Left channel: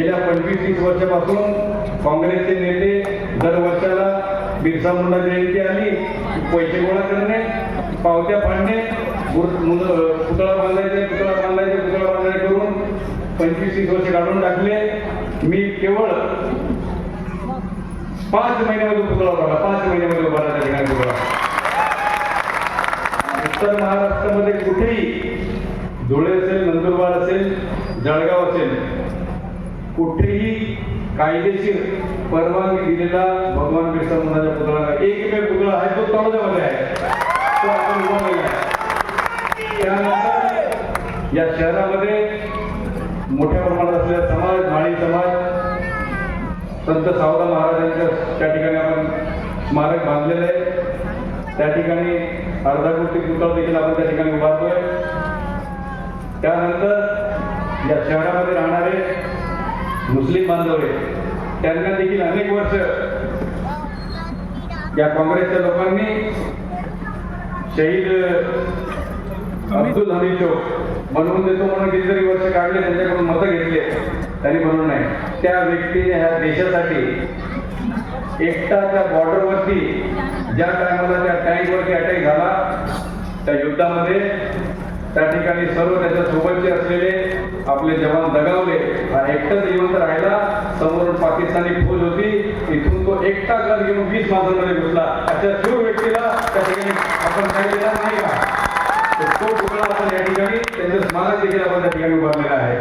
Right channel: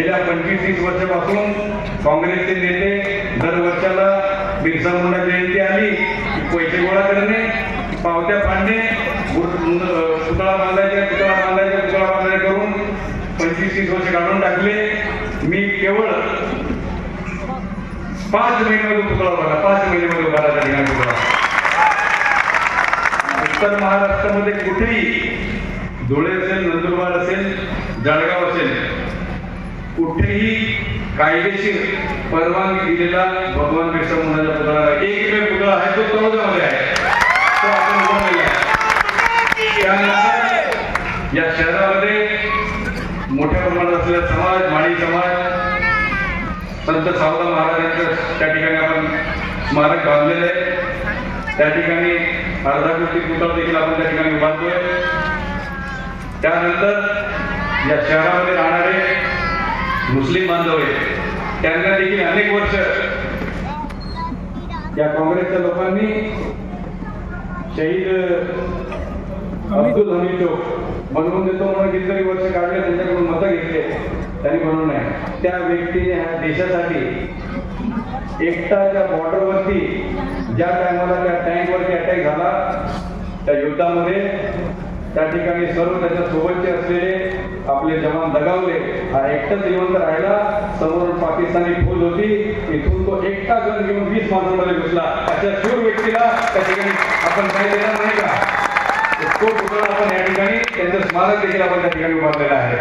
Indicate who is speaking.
Speaker 1: गेल्या पंचवीस तीस वर्षापासून काँग्रेसचे नेते दर वर्षाला बिरसा मुंडा जयंती आली पैसे गोळा करणे पावत्या फाडणे पुतळा बांधायचे पुतळा बांधायचे पुतळा बांधायचे करून पंचवीस तीस वर्ष काढून टाकले. मी केवळ पाच महिन्यामध्ये पुतळा उभारला पाच महिन्यामध्ये उभारला त्या ठिकाणी पुतळा. उत्तर महाराष्ट्रामध्ये कुठेही धुळे असेल नंदुरबार असेल जळगाव असेल कुठेही कायदेशीर परवानगी दिलेला भगवान बिरसा मुंडाचा पुतळा एकमेव एक पुतळा आहे तो तळोजामध्ये आहे. तो आपण उभारलेला आहे. त्यानंतर या शहरामध्ये मोठ्या प्रमाणात असलेला समाज माळी समाज संत सावदा महाराजांचं त्या ठिकाणी आपण स्मारक बांधलेलं आहे. त्या ठिकाणी अर्धा कोटी पुतळा देखील आपण त्या ठिकाणी उभारतोय. त्यानंतर या शहरामध्ये राहणारे मुस्लिम बांधव आहेत. त्यांना देखील अनेक वर्ष या काँग्रेसच्या लोकांनी शहीद अब्दुल हमीद चौक बनवून देतो म्हणून कितीतरी वर्ष काढले त्यांच्याकडून मतं घेतली त्यांनी म्हणून नाही त्या व्यक्तीने ह्या देशासाठी एकटाच्या बॉर्डरवरती ज्या टायमाला त्या टँकवरती अटॅक झाला त्या युद्धामध्ये त्या ठिकाणी सर्व त्याच्या सोबतचे असलेले आपले जवान दगावले. एकटाच जिवंत राहिला समोर पाकिस्तानी फौज होती. इथून तो एकटा गण घेऊन वीस माणसांमध्ये घुसला. अशा शिव व्यक्तीला त्या ठिकाणी आपण काही दिला नाही का? तो पुतळा आपण या ठिकाणी त्यांचं स्मारक देखील आपण त्या ठिकाणी उभारलेलं आहे.